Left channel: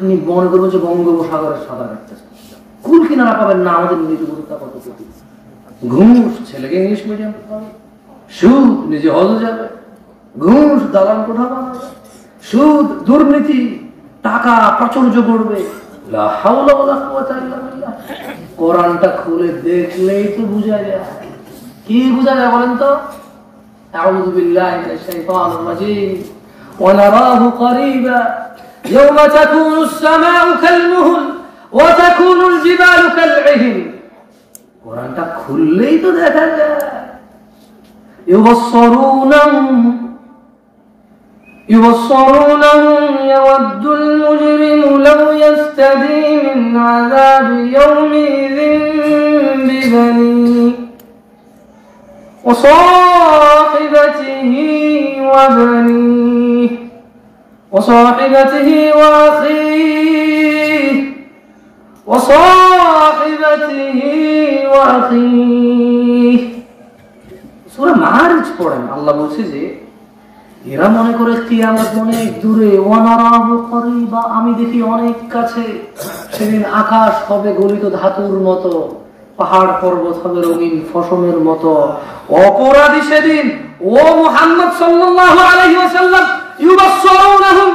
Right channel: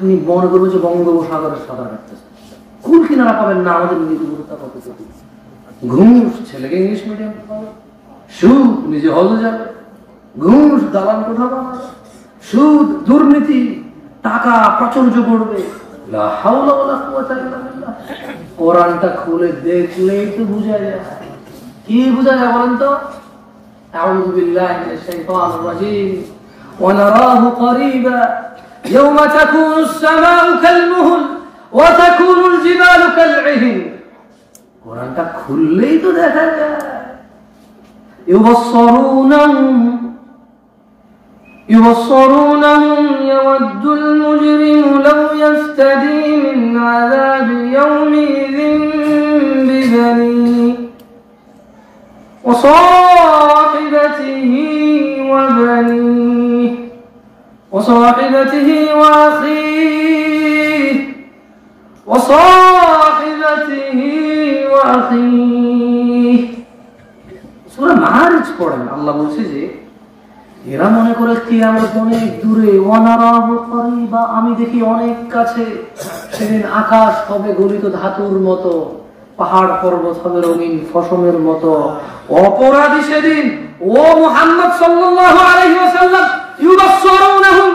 আপনি মনে করবেন যে বঙ্গোপসাগরের সাঁতার কাটতেছেন, কুল কিনারা পাবেন না। আমাদের নির্ভরতা কত কোটি। ঘুষ, ছেলেকে ইংলিশ মিডিয়াম পাবে, সুদ, নিজে হজে যাবে, ঘুষ, দালাল কোঠা পাবে, সুদ, দুর্নীতি, টাকা প্রাচুর্য করবে। লা হাওলা ওয়ালা কুওয়াতা ইল্লা বিল্লাহ। কোরআনটা খুলে দেখলেই তো বোঝা যায়। কি বোঝা যায় বলেন তো? আউযু বিল্লাহি মিনাশ শাইতানির রাজীম। ওয়া নারাহু করিবা ইয়াওমা তাকুনুস সামাউ কালমুহল ওয়া তাকুনুল জিবালু কালইহিন। কোরআনটা খুললেই তো দেখা যায়। يبصرونهم يود المجرم لو يفتدي من عذاب يومئذ ببنيه وصاحبته وبنيه وصاحبته وأخيه সূরা মাআরিজ পড়েন, আল্লাহ বলছে যে এরা মনে করে কিয়ামত অনেক দূরে, ওয়ানারাহু করিবা, আমি দেখি অনেক কাছে। সেদিন আকাশ হবে গলিত ধাতুর মতো, পাহাড় পর্বত হবে রঙিন ফসমের মতো। অপরাধী সেদিন ও মুহাম্মদ সাল্লাল্লাহু আলাইহি ওয়াসাল্লাম ইউবাসসিরুনহুম,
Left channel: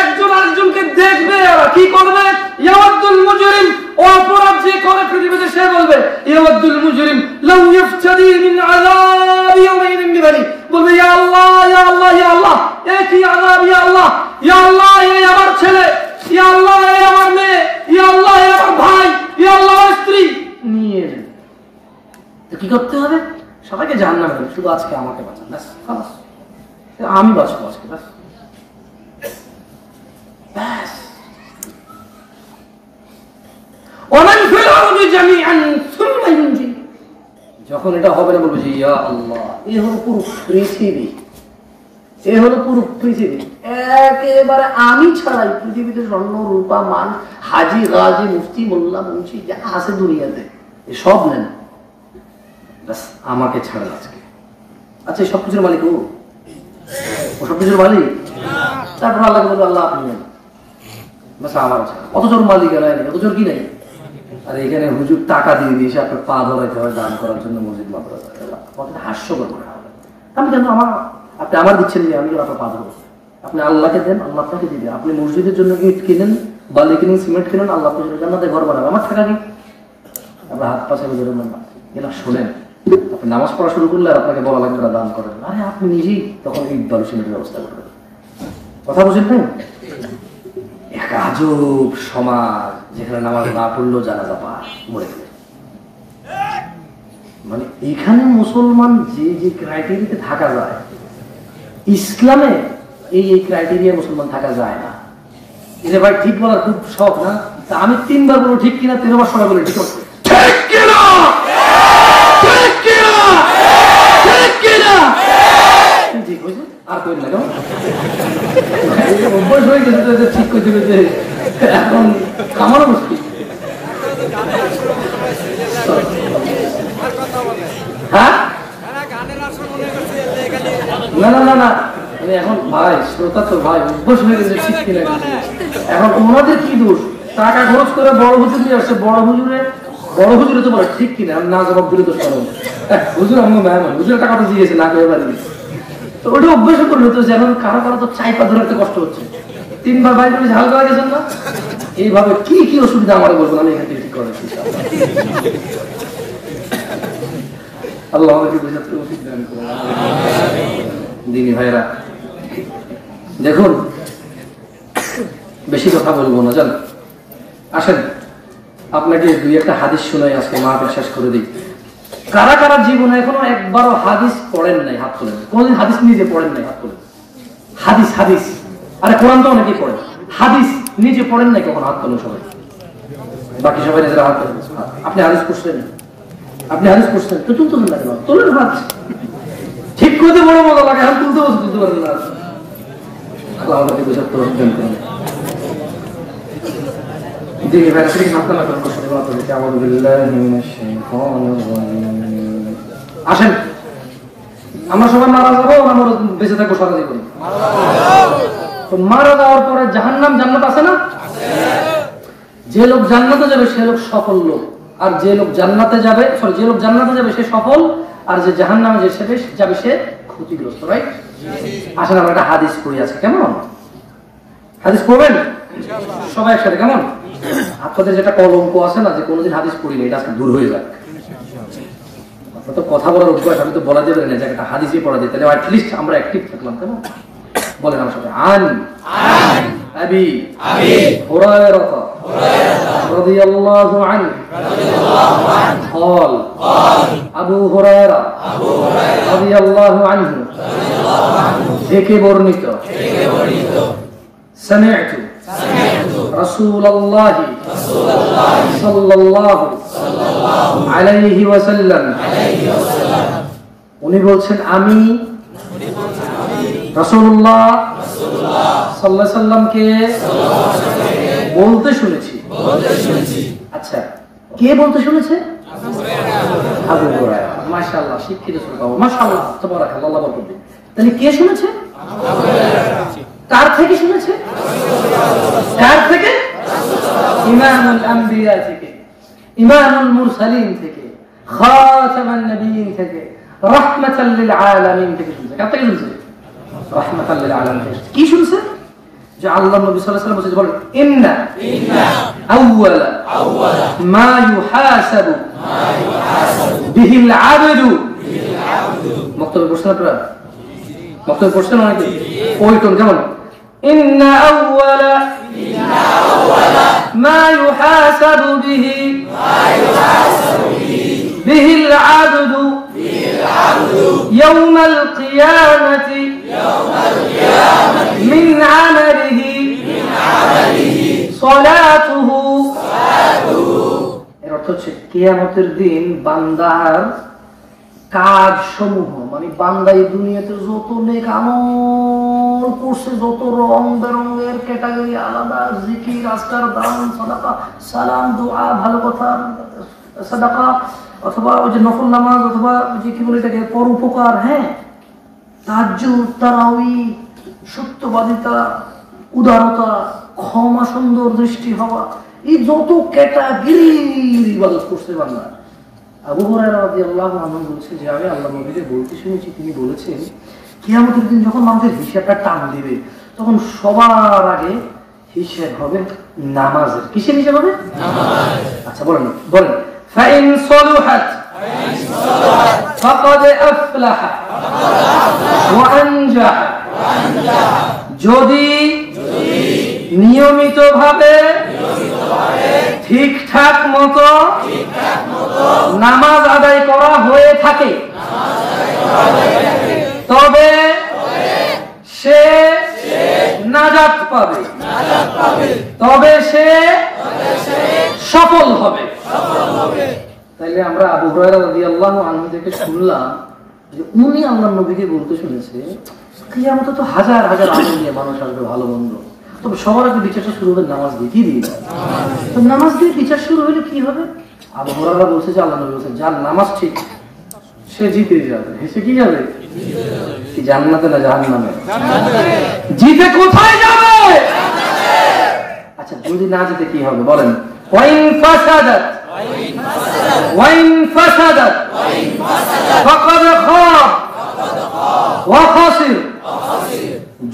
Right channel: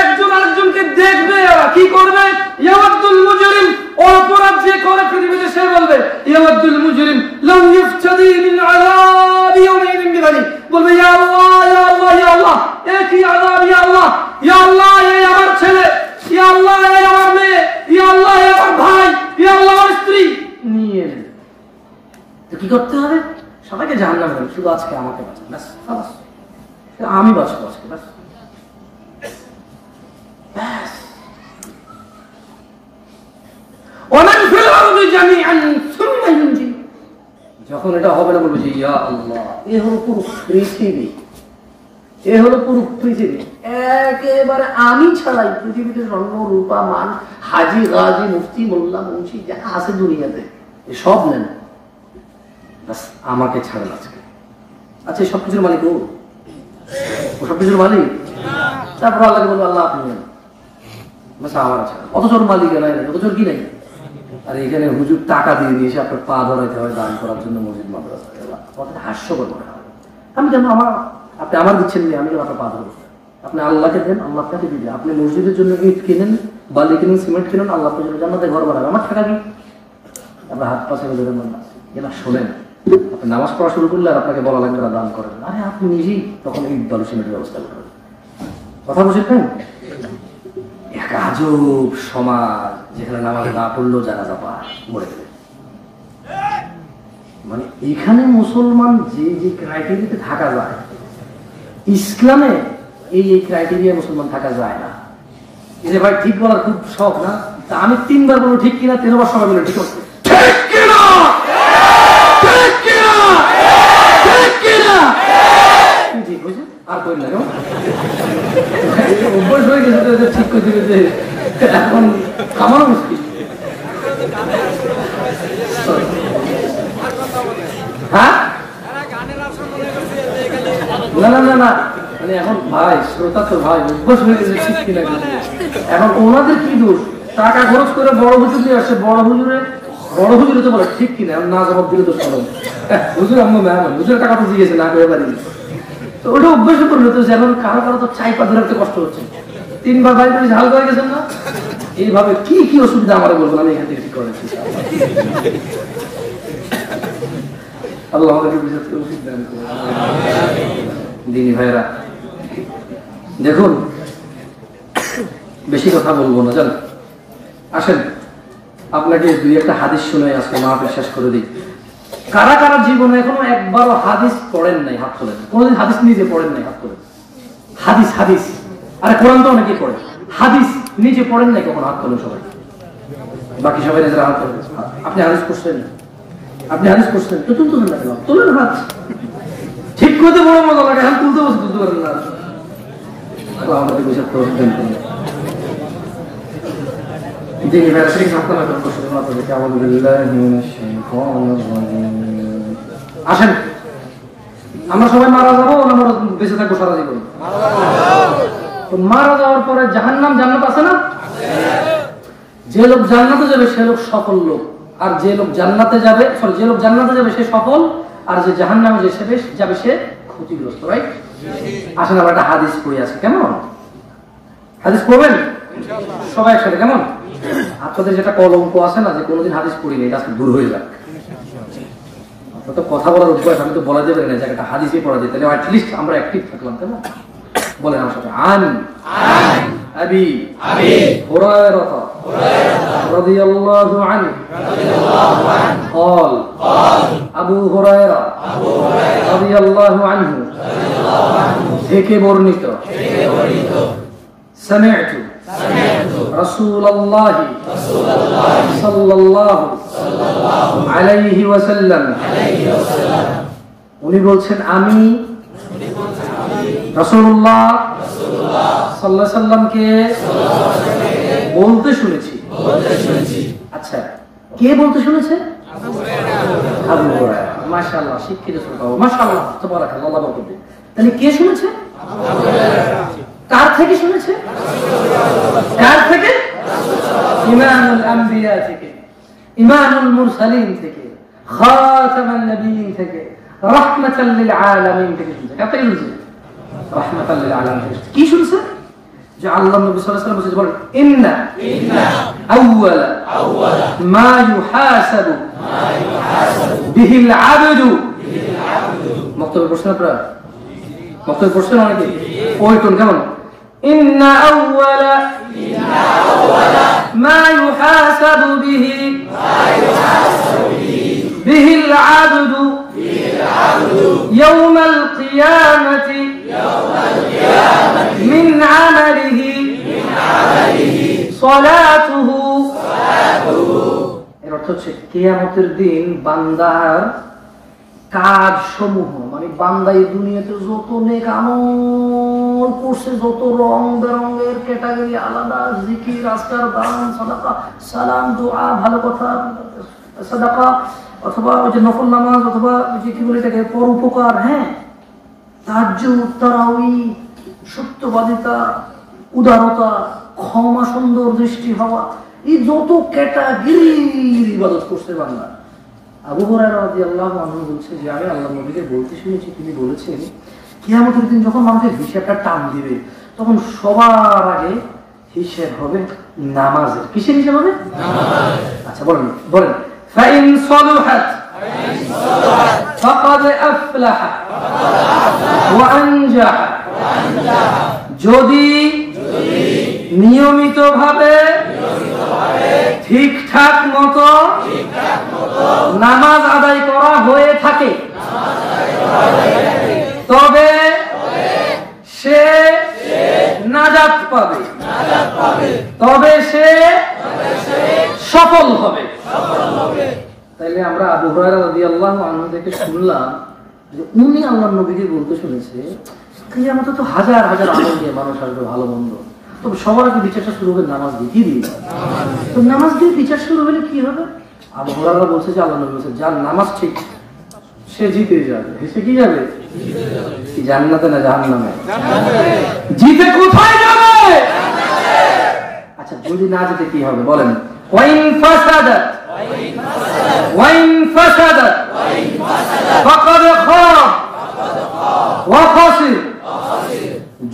একজন আরেকজনকে দেখবে। আর কি করবে? ইয়াওয়াদুল মুজরিম, অপরাধ যে করে পৃথিবীতে সে বলবে ইয়াওয়াদুল মুজরিম লাউ ইফতাদি মিন আযাবি ইয়াওমিন বিবানি, বলবে ইয়া আল্লাহ ইয়া আল্লাহ ইয়া আল্লাহ, এ কি আযাব, ইয়া আল্লাহ ইয়া আল্লাহ, এই আমার ছেলে, ইয়া আল্লাহ এই আমার মেয়ে, ইয়া আল্লাহ এই আমার ভাই, ইয়া আল্লাহ আমার স্ত্রী নিয়ে। তো কি করতে হবে? সবাইকে জাহান্নামে, শুধু আজকে আমাকে বাঁচান, ব্যাস, খালাস, আমি বাঁচবো আজকে, ব্যাস। যখন এটা হবে না বলবে ইয়া আল্লাহ, এ হলো পুরো পৃথিবী, এ হলো পুরো পৃথিবী, একেবারে আমি ছাড়াই পৃথিবীতে স্বর্ণ রূপা মান, হাজি গাজী মুফতি মোল্লা মুন্সি যা আছে দুনিয়াতে সব নেন, ব্যাস আমাকে ছাড়েন আজকে। আচ্ছা, সবকিছুর মালিক ও সবকিছুর মালিক। তারপর আল্লাহকে বলবে আল্লাহ আপনি নেন, ব্যাস আমার আছে। অত জোর মালিক নাই, অত জোর কি নাই। আর এখানে হুজুর টাকা দিয়ে দিয়েছে আপনার পা ধরাইতে হয় দান করার জন্য মসজিদ মাদ্রাসা, হাস্যকর মনে হবে। আমি কেন আপনি আমার দিচ্ছেন, আমি আপনার পা ধরবো। আপনি আল্লাহকে দেন, আল্লাহ আপনাকে দিবে। আপনি মসজিদের জন্য ইট কিনেন, বালি কিনেন, সিমেন্ট কিনেন, আল্লাহ আপনার জন্য জান্নাতে ঘর বানাবে। আমার টাকা কি? আপনার হাত পা ছেড়ে ধরে না, এরা শোনেন। আপনি নামাজ পড়া শুরু করলে আর আপনাকে বলা লাগবে না দান করেন, আরে আপনি নিজেই তখন ইট বালু সিমেন্টের ব্যবস্থা করবেন। কথা বুঝেন নাই? এক আজব সমাজ, যেখানে নামাজ না পড়লেও জানাজা পায়, মরে গেলে। মানে এখানে মুসলমান যে যে ক্রাইটেরিয়াতে থাকা যায়, ইসলামে এই ক্রাইটেরিয়া মুসলমান থাকা যায় না। এটা ভাই ঠিক বলার খুব শখ না? আমি 3 বার বলবো ঠিক কিনা, 13 বার সময় বলে ঠিক আছে। ঠিক হয়েছে আর কই না, অভ্যাস হয়ে গেছে ঠিক করে দিবে যে এখন আমারও মুশকিল। হ্যাঁ না না না না, মানে এখন ভাই শ্রোতা তো ভাই অভ্যাস হয়ে গেছে ঠিক কিনা। এখন ওনাদের কি দোষ? টাকা খরচ করে বড় হুজুর নিয়ে আসছে, বড় হুজুরে তো বলে ঠিক কিনা, না জবাব দিলে দোষ পাবো। হুজুর আমার মেহমান, হুজুরের টাকা তো দিয়েছে না করে বাড়ি, তো ওটা অভ্যাস করবে তো। যেমন কারো কারো তো চাইপা ধরতে কষ্ট হচ্ছে, 3 বার ভাই করে ঝাল করে গেছেন না। এইভাবে কি কি অসুবিধা আমার বলবো, আমি এখান থেকে ঠিক করেছি। আল্লাহ আমাদেরকে বুঝাতে উচিত দান করুন। দিনী ভাইরা দেখুন, বেশি কথা বলবো না, জান আসেন আপনাকে 2-1টা হাদিস শোনাই, আজকে মাহফিল শেষ করে দিই। কারা কারা জীবনে এখনো একবারও হাদিস পড়েন নাই? হাত তোলেন। কোনদিন হাদিস নিজে পড়েন নাই? হাত তোলেন। হাদিস হাদিস, আরে কোরআন তো অনেকেই পড়েন, হাদিস নিজে পড়েন নাই কখন? হাত তোলেন সবাই। বাকি সবাই নিজেরা হাত তোলেন। আপনি হাদিস পড়ছেন? আপনি হাদিস পড়ছেন তো তুলতেন না কেন? তোলেন হাত। ঠিক করতে বড় মজা লাগে, হাত তুলতে বসে তুলতে পারেন না। আমাকে বুঝে পড়বেন। দিনী ভাইরা ঠিক আসেন, আমরা সবাই মারা যাবো, আমরা বেঁচে থাকবো সারা জীবন। তো মারা যাওয়ার পরে জাহান্নাম জান্নাত আছে না? যে লোক জান্নাতে যাবে সে লোক সফল লোক, আর যে লোক জান্নাতে যাবে সে সফল, আর যে জাহান্নামে যাবে সে ক্ষতিগ্রস্ত। রাইট? আসলে আমরা একটা হাদিস পড়ে আছে, কেমন হাদিস পড়বেন সবাই একসাথে, কেমন? আপনাদের যেটা কলঙ্ক আছে না যে কোনোদিন হাদিস পড়ি নেই, এটা আজকে দূর হয়ে যাক। তো কথা বলার অভ্যাস আমি তো বলা যাবে না যে একটা হাদিসই পড়া যায়, তাহলে অ্যাটলিস্ট আমরা অ্যাক্টিভ থাকলাম, তাই না? বলেন আমার সাথে, আন আবি হুরায়রা রাদিয়াল্লাহু আনহু قال আবু হুরায়রা রাদিয়াল্লাহু আনহু থেকে বর্ণিত, সামি'তু রাসূলুল্লাহ সাল্লাল্লাহু আলাইহি ওয়াসাল্লাম, উনি বলছেন আমি রাসূলুল্লাহ সাল্লাল্লাহু আলাইহি ওয়াসাল্লামকে বলতে শুনেছি। আচ্ছা, কে বলতে শুনেছে? আবু হুরায়রা। মাশাআল্লাহ, শিক্ষিত শ্রোতা, মাশাআল্লাহ, তাবারাকাল্লাহ, আল্লাহ বরকত দিন। তাহলে কে শুনেছে? কার থেকে শুনেছে? কার থেকে? ইমামুল আম্বিয়া থেকে, ইমামুল মুরসালিন থেকে, খাতামান নবিয়্যিন থেকে, রাহমাতাল লিল আলামিন থেকে শুনেছে। কার থেকে শুনেছে? রাহমাতাল লিল আলামিন থেকে। কি শুনছে? যে আল্লাহ নবী সাল্লাল্লাহু আলাইহি ওয়াসাল্লাম বলেন, ইন্না আউওয়ালা মা ইউহাসাবু বিহিল আবদু। বক্তব্য প্রশ্ন আপনারা বক্তব্য প্রশ্ন নাকি ওই কোন কেমন? ইন্না আউওয়ালা মা ইউহাসাবু বিহিল আবদু ইয়াউমাল কিয়ামাতি মিন আমালিহি সালাতুহু। এর অর্থ হচ্ছে কিয়ামতের দিন বান্দার কাজ সমূহ, মানে বান্দা এই দুনিয়াতে যত নেক আমল করছে, যত রং বেরঙের ক্যাটাগরি আলাদা, জিকির, আজকার, দান, সাদাকা, সালাম, দোয়া, ভালো কথা, সাদাকা, অথবা ওই যে নফল নামাজ, অথবা যে কি বলে এটাকে পরোপকার, হ্যাঁ, তাহাজ্জুদ, তারাউই, সত্যবাদিতা, উদারতা, ক্ষমা, সুন্দর দৃষ্টি হওয়া, এই যত ক্যাটাগরির ইবাদত করছে বান্দা। আবু হুরায়রা রাদিয়াল্লাহু আনহু বলছেন যে আমি আল্লাহর নবীকে বলতে শুনেছি, তিনি বলেছেন কিয়ামতের দিন যখন মানুষের হিসাবটা টান দিবে তখন সবার আগে হিসাব হবে নামাজের। কিসের হিসাব হবে? নামাজ। আচ্ছা বলেন বলেন, ফাইন সলুহাত ফাকাদ আফলাহা ওয়া আনজাহা। যদি নিয়মিতভাবে ঠিকঠাক মতো নামাজ আদায় করা হয়ে থাকে তবে সে নাজাত পাবে, তবে সে সফল হবে। তাইলে আমরা আবু হুরায়রা রাদিয়াল্লাহু আনহু থেকে শুনলাম যে উনি আল্লাহর নবীকে বলতে শুনেছে কিয়ামতে তো হাজার হাজার আমল দিয়ে মানুষ আসবে, ভালো মন্দ, তবে সবার আগে বিচারটা শুরু হবে নামাজ দিয়ে। কি দিয়ে? তো নামাজ দিয়ে বিচার শুরু হলে কি হবে? আবু হুরায়রা বলছে যে আল্লাহ নবী বলছেন যার নামাজ ঠিক সে জিতে যাবে। সে কি যাবে? জান্নাতে না জাহান্নামে? জিতে কোথায় যাবে? আচ্ছা, যদি না জিতে কি হবে বলেন? ওয়াইন ফাসাদাত ফাকাদ খাব ওয়া খাসির।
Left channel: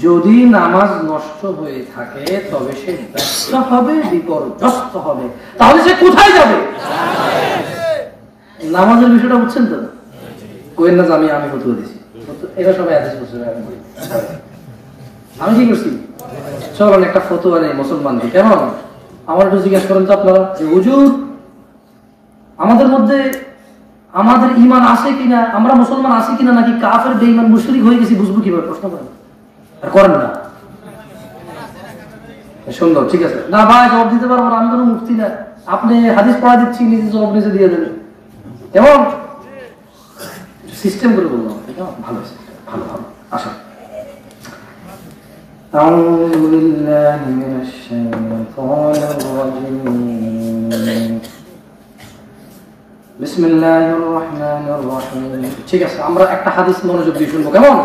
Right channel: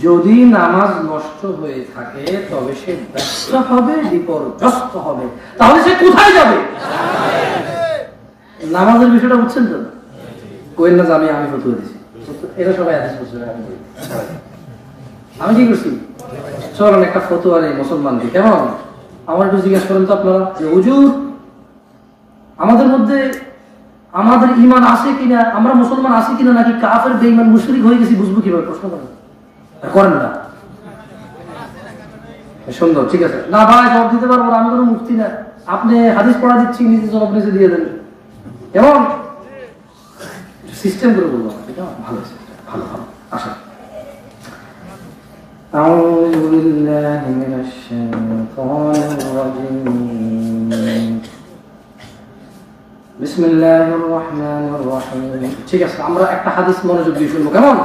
যদি নামাজ নষ্ট হয়ে থাকে তবে সে ব্যস্ত হবে, বিপর্যস্ত হবে। তাহলে সে কোথায় যাবে? নামাজের বিষয়টা বুঝছেন তো? কোয়েন না, আমি ফতুয়া দিছি, এটা সবাই আদেশ করছে। আমি কি করছি? চলেন একটা ফতুয়া নেই মুসলমানকে, কেমন? আমার একটু জিজ্ঞেস করেন তো আপনারা যে হুজুর আমাদের মধ্যে আমাদের ঈমান আছে কিনা, আমরা মুসলমান আছি কিনা, নাকি কাফের বেঈমান মুশরিক হয়ে গেছি, বুঝবো কিভাবে? প্রশ্ন করেন না। সুন্দর, ঠিক আছে। না ভাই জবাব দিতে পারবো না, আমি কোনো মুফতি না, আপনি হাদিস পড়া দিচ্ছি, নিজে জবাব নিজে দিয়ে দেবেন, কেমন? সিস্টেম করে বলবো, ভালো ভালো ভালো। আসা أعوذ بالله من الشيطان الرجيم بسم الله الرحمن الرحيم। ঠিক আছে, আমরা একটা হাদিস মনোযোগ দিয়ে শুনবো, কেমন?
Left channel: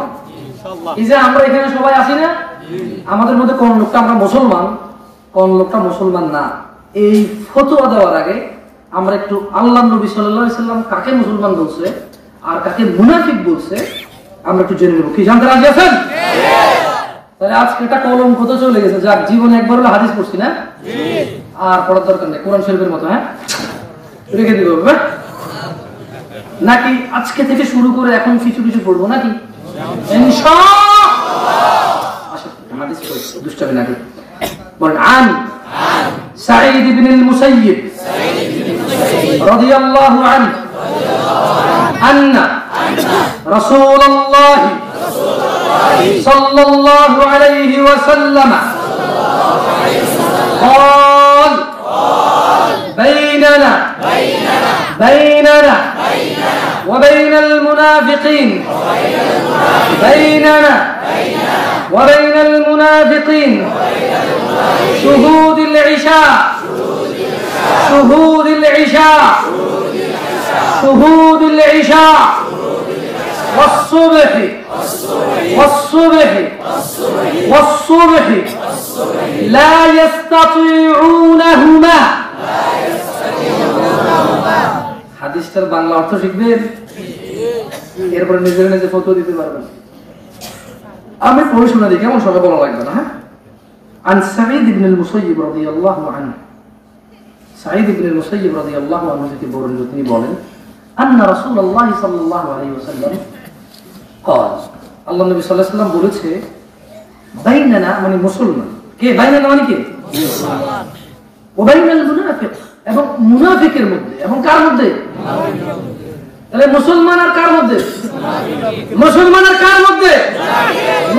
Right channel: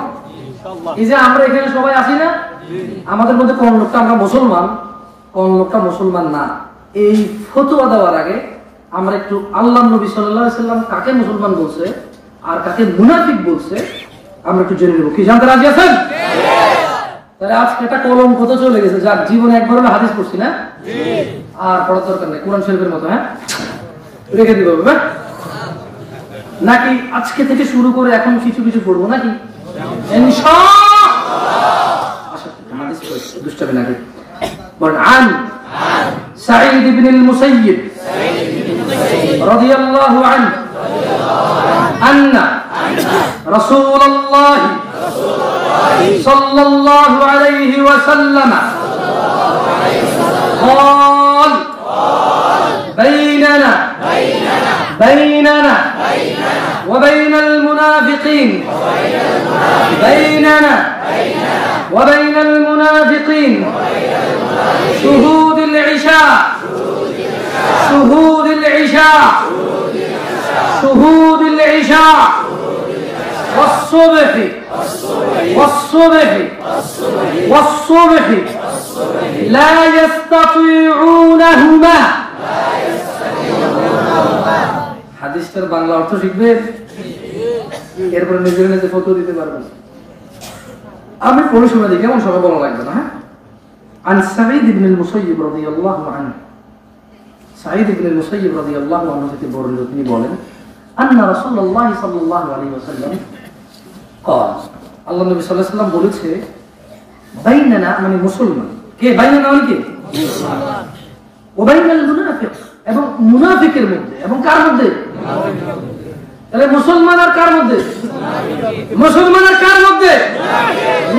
এই যে আমরা এখানে সবাই আছি না, আমাদের মধ্যে কোন লোকটা আমরা মুসলমান, কোন লোকটা মুসলমান না, এই ফতোয়া দেওয়ার আগে আমরা একটু আল্লাহ নবী সাল্লাল্লাহু আলাইহি ওয়াসাল্লাম কাকে মুসলমান বলছে আর কাকে মুনাফিক বলছে আমরা একটু জেনে নেব। কি জানতে রাজি আছেন? তাহলে আজকে একটা কলঙ্ক তো চলে গেছে, যাক জীবনে একবার হলো হাদিস পড়ছি না, আর পড়ার দরকার নেই, কোরআন শরীফের মতো হ্যাঁ রেখে দিব নাকি আজকে থেকে শুরু করে এখন কিছু কিছু পড়বো নাকি দুষ্টামি নাকি। বলেন আন সাঈদ ইবনে মুসাইয়িব রাদিয়াল্লাহু আনহু আন্না রাসূলুল্লাহ সাল্লাল্লাহু আলাইহি ওয়াসাল্লাম قال بيننا وبين المنافقين بيننا وبين المنافقين شهود العشاء شهود العشاء شهود العشاء والصبح والصبح والصبح لا يستطيعونهما। হাদিসটার বাংলা অর্থ শিখবেন, এরপরে নিজের নিজে ফটো দিতে পারবেন। আমি পড়ে শোনা দিই, কেমন সবাই বলা লাগবে না। হ্যাঁ, عن سعيد بن المسيب رضي الله عنه سعيد بن المسيب رضي الله عنه থেকে বর্ণিত তিনি বলেন أن رسول الله صلى الله عليه وسلم قال আল্লাহ নবী সাল্লাল্লাহু আলাইহি ওয়াসাল্লাম বলেছে বাইনানা মানে মুসলমান কে, বাইনানা মানে কে, ও বাইনাল মুনাফিক এবং মুনাফিকের মধ্যে, এবং কার মধ্যে, তাহলে মুসলমান আর কার মধ্যে, মুসলমান আর কার মধ্যে,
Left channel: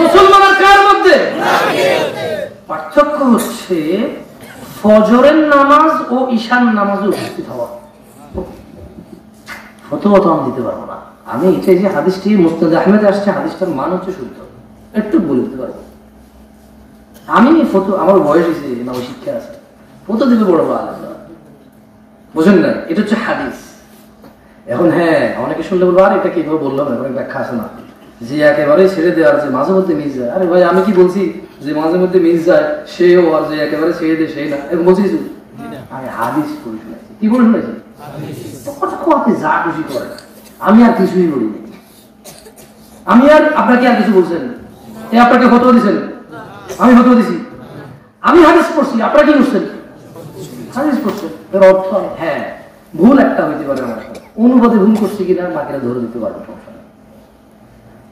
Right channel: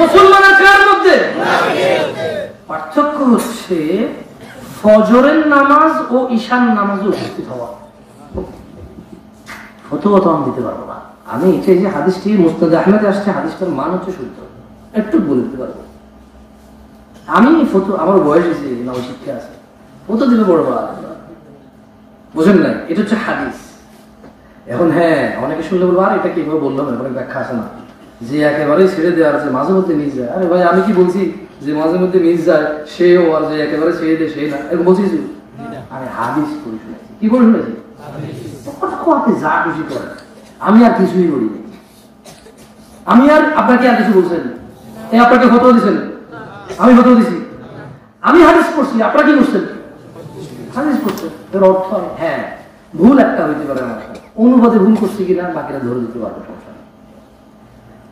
মুসলমান আর কার মধ্যে। পার্থক্য হচ্ছে ফজরের নামাজ ও ঈশান নামাজে উপস্থিত হওয়া। ফতোয়া তো আমি দিতে পারবো না, আমি এটা যে হাদিসটি মুস্তাদ আহমেদে আসছে, হাদিসটার মান হচ্ছে শুদ্ধ, একটু বলে দিতে পারবো। আমি ফটো, আমার বয়স হয়েছে, আমার শিক্ষা আছে, ফটো দিতে বড় বুঝেন না, এটা হচ্ছে হাদিস। এখন হ্যাঁ অনেকে শুনলে বলবো আর এটা কি বললাম না, ব্যাখ্যা আছে না, যে একেবারে ছেড়ে দেওয়ার, যে মাঝে মধ্যে মিস যায়। আরে ভাই আমি কি বলছি যে মাঝে মধ্যে মিস যায় সেও, আর যে একেবারে ছেড়ে দেয় সে না, এরকম বলছি কিছু? আমি হাদিস করে শুনেছি। কি করে শুনেছি? যা খুশি করে, আমি আর কিছুই বলিনি। আমি আর আপনাকে আর কিছু বলছেন, আপনাকে ফটো দিচ্ছেন, আমি ফটো দিছি, আমি হাদিস পড়ছি, আপনারা কি বুঝছেন? হাদিস পড়ছেন, এর অর্থ হ্যাঁ ভুল একটা হইতে পারে না, অনুবাদে ভুল করছি কিনা বাকিরা ধরে দিতে পারবো, সমস্যা নেই।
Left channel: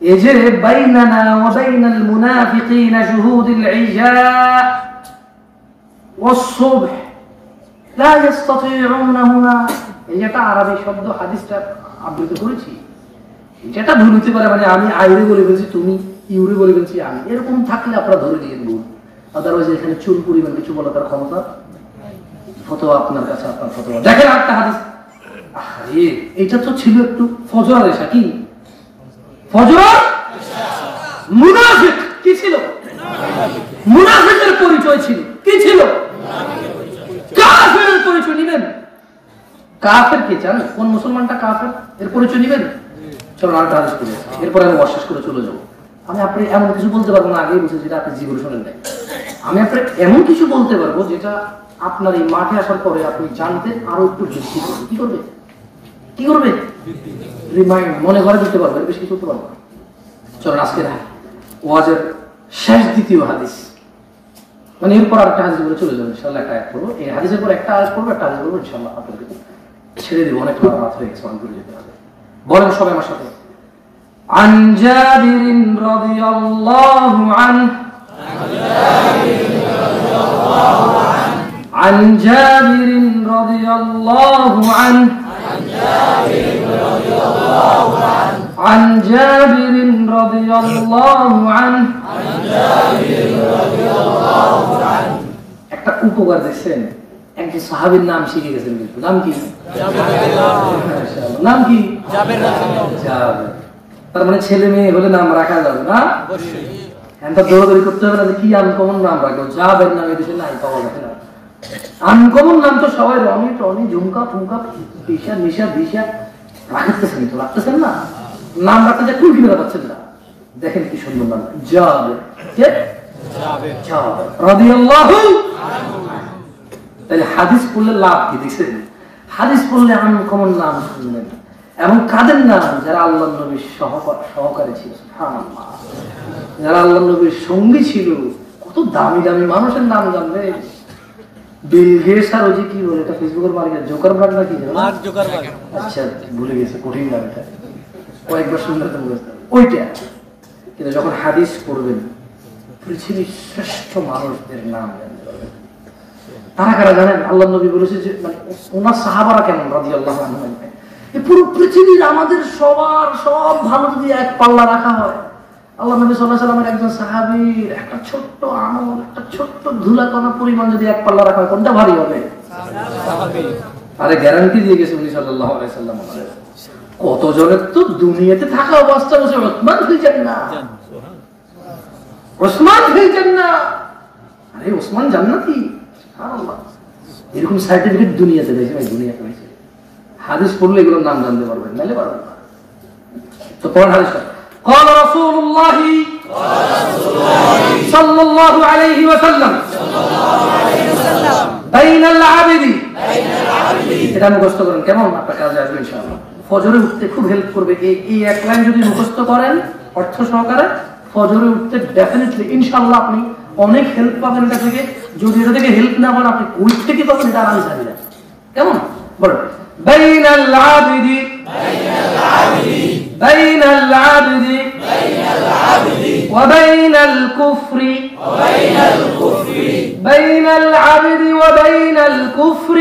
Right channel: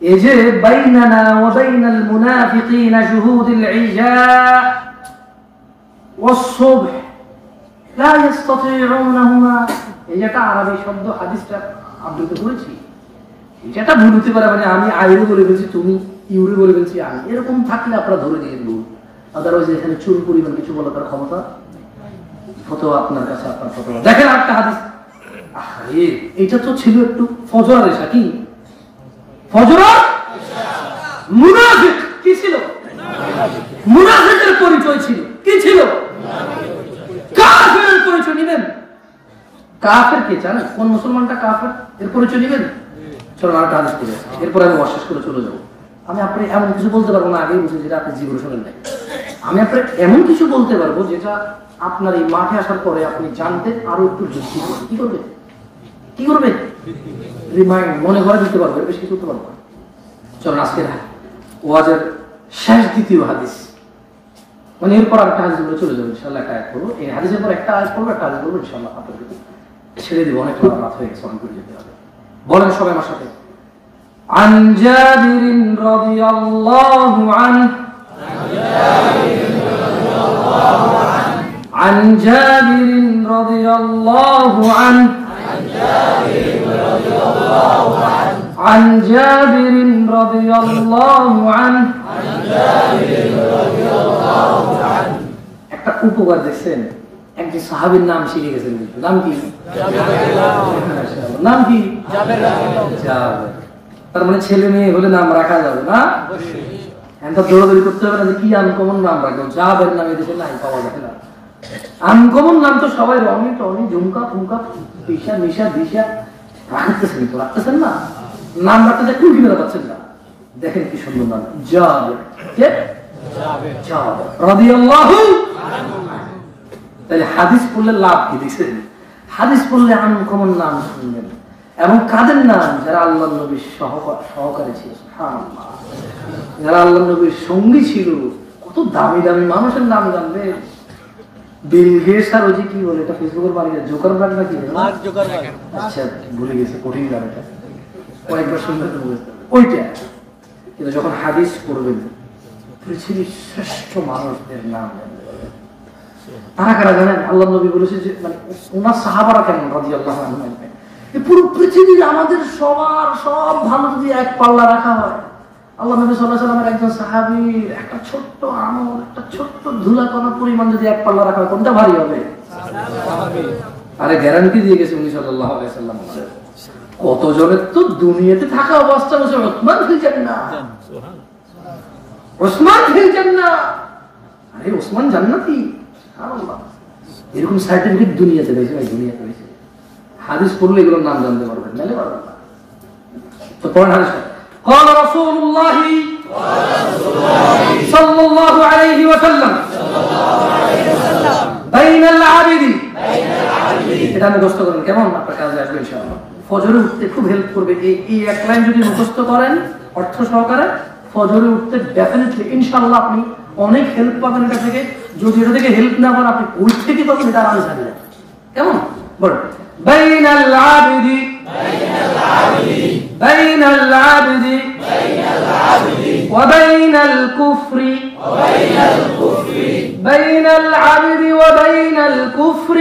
এই যে বাইনানা ওয়া বাইনাল মুনাফিকিনা শুহুদুল ইশা ওয়াস-সুবহ লা ইস্তাতিউনাহুমা, এই যেটা আরবি শব্দ হাদিসটা আবৃত করেছি, যেটা ভুল হতে পারে, মানে আমি আইরে বলে বলছি তুমি, ইউরে বলে বলছি আমি, এরকম থাকলে আপনারা ধরে দিয়ে দেবো। আদারওয়াইজ এখানে চুল পরিমাণ কিছু বলার ক্ষমতা, ফতোয়া আপনার কাছে, আপনার ফতোয়া। দেখেন একটা হাদিস, এটা তো ছিল একটু ফজর এশা, কি ফজর মুনাফিক কি ছিল, মুনাফিকের পরিচয় ছিল, কি ছিল, কাফেরের পরিচয় নিবেন। কাফের কে চান, কোন মুসলমানটা কাফের, এর পরিচয় নিবেন। চলো আরেকটা হাদিস করে, এরপরে আমি অশেষ করে চলে যাবো। আমি আপনি এমন কিছু বলতে পারবো না, আগেই বলছি যেটা আপনি জীবনে শোনেন নাই। আমি আপনি এমন কিছু বলতে পারবো যেটা আপনার এই মাঠে আসার পরে আপনি জানতে আরো একটু বৃদ্ধি করবে। কি করবে, কি করবে, রিমাইন্ড, মনে করে দিতে পারবে, বেশি কিছু করতে পারবো। চলো আজকে ওয়াজের শেষ দ্বিতীয় হাদিস, মানে এরপর আরেকটা হাদিস বলে চলে যাবো ইনশাআল্লাহ। একটা আয়াত করবো, এই হাদিসের পর একটা আয়াত করবো, একটা হাদিস করবো ইনশাআল্লাহ। আপনাদের ছেড়ে দিব, অনেক রাত হয়ে গেছে, অনেক করে যেতে হবে। বলেন সবাই আমার সাথে, عن جابر رضي الله عنه عن جابر رضي الله عنه عن جابر رضي الله عنه একটা উপকার দিচ্ছেন, একজন সাহাবীর নাম শিখে গেছেন, নাম কি, নাম কি, জাবের। তার মানে ছেলে মেয়ে হলে নাম রাখা যাবে না, দৌড়াদৌড়ি করতে হবে না যে কি আনকমন নাম রাখবে, জাবের নাম এদেশে নাই, পাওয়া যাবে না। আনকমন নাম তো সবাই রনি টনি ঝুমকা ফুমকা পিসা মিশা ভিসা রাখতেছেন, তো রাখতেছেন না, নাম রাখতে যায় কুল কিনে পাচ্ছেন না। দেখেন কি সুন্দর নাম, জাবের, কে রাদিয়াল্লাহু আনহু। তাহলে হাদিস পড়লে লাভ কি দেখছেন? হাদিস পড়লে আনকমন নাম শুনবেন, এবং কাদের নাম? যারা আল্লাহ নবীর সহকারী ছিল, সুবহানাল্লাহ, যারা আল্লাহ নবীর সঙ্গী ছিল। কত দামি দামি মানুষের নাম জানবে। বিল গেটস আর ওই যে কি বলে এটা ফেসবুকের মালিক জোকারবার্গ না কি? আচ্ছা ভুলে গেছে, কঠিন নাম এটা, কয়েকবার শুনলে তো বুঝতে হবে ওইটা। কিন্তু যখন হাদিস পড়বেন পৃথিবীর শ্রেষ্ঠ মানুষদের নাম জানতে পারবেন। তারা কারা জানেন? আল্লাহ নবী বলেছে যে মানে ওনার সাহাবারা কেমন রাদিয়াল্লাহু আনহুম। পুরো পৃথিবীর আমাদের সবার সব ভালো যদি এক পাল্লা রাখা হয়, আল্লাহ নবী সাল্লাল্লাহু আলাইহি ওয়াসাল্লামের একজন সাহাবীর একটা ছোট্ট আমল, একটা ছোট্ট ধুলাকণা পরিমাণ যদি এক পাল্লা রাখা হয়, কোনটা ভারী হবে? আরে গ্যারান্টি দিয়ে গেছে উনি সাল্লাল্লাহু আলাইহি ওয়াসাল্লাম। কতজনের তো দুনিয়াতে থাকা অবস্থা বসে ওসমান হয়েছেন না, ওসমান হয়েছেন না। আরে ওসমান জান্নাতি, সুবহানাল্লাহ। এরকম সার্টিফিকেট দুনিয়াতে রয়েছে, ভাই দুনিয়াতে রয়েছে। হাদিস পড়লে এগুলোর নাম জানতে পারবেন, নাইলে পারবেন না। তো কোরআন হাদিস قال رسول الله صلى الله عليه وسلم بين العبد এটা মুখস্থ করেন, কেমন আপনার কাজে আসবে ইনশাআল্লাহ। ফজরে উঠতে খুব হেল্প করবে এই এক লাইন যদি মুখস্থ করেন অর্থ সহকারে, ফজরে উঠতে ডেফিনেটলি ইনশাআল্লাহ আপনি অনেক হেল্প পাবেন এটা থেকে। যদি এটা থেকে হেল্প না পান, আপনি কোথা থেকে পাবেন এটা আমি জানি না। কেমন বলো? بين العبد بين العبد وبين الكفر بين العبد وبين الكفر